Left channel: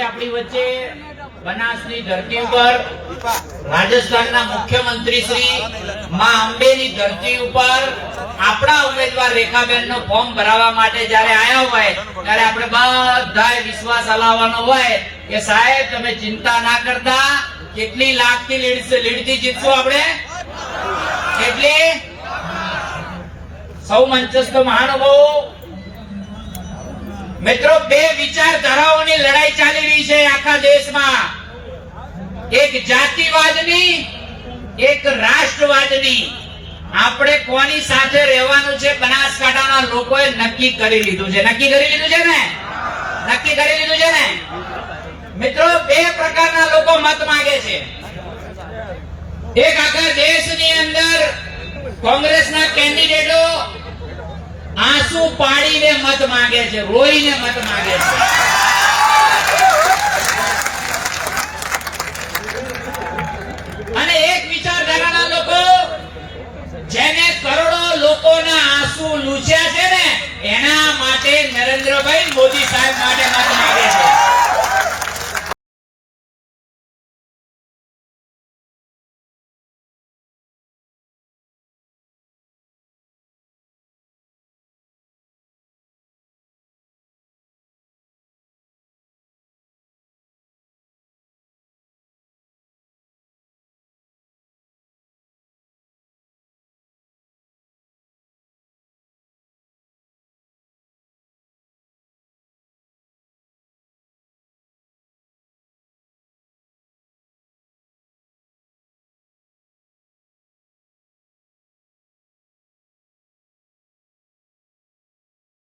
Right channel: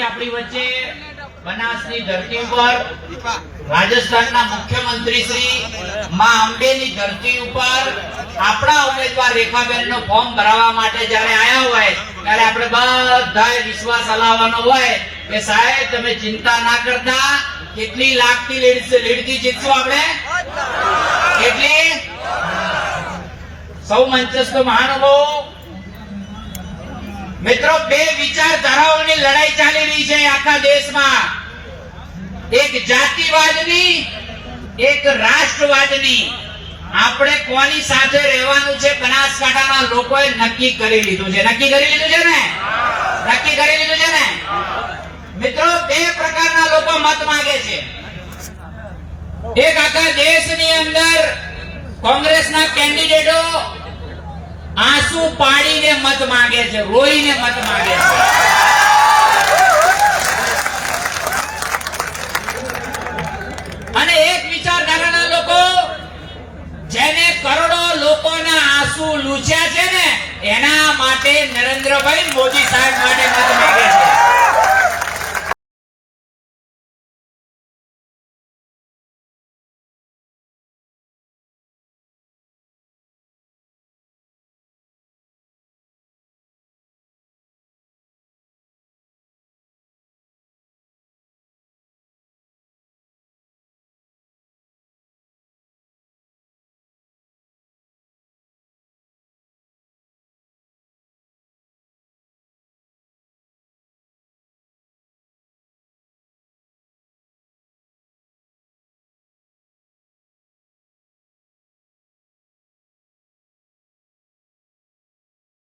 આપણી વચ્ચે બનાસની ધરતી ઉપર રાજસ્થાનના મુખ્યમંત્રી શ્રી માં અંબેની ધરતી ઉપર આપણા ઉમેદવાર રેખાબેનનું ફોર્મ ભરાવવા માટે જયારે આવ્યા હોય, ત્યારે આપણે બધાએ વિશ્વાસ હલાવવાનો હોય કે સાહેબ, તમે ચિંતા ના કરતા. કેટલી લાખથી લીડ લીડથી જીતશું આપણે? કેટલી? સૌ મંચસ્થ મહાનુભાવો. મિત્રો, બે વિચારધારાઓની લડાઈ ચાલી રહી છે આખા દેશમાં. એક જાતિવાદની, એક રાષ્ટ્રવાદની. આપણે કોની સાથે રહેવાનું છે બનાસકાંઠાના લોકોએ નક્કી કરી લીધું છે. નક્કી કરી લીધું છે ને? નક્કી કરી લીધું છે ને? મિત્રો, બે પ્રકારના લોકો મત માંગે છે. એક આખા દેશની અંદર કોંગ્રેસના કેન્ડિડેટો આંસુ પાડીને મત માંગે છે, રોઈને મત માંગે છે. આંસુ લૂછ્યા છે ને? એના માટે નરેન્દ્રભાઈ મોદી સાહેબ માટે મત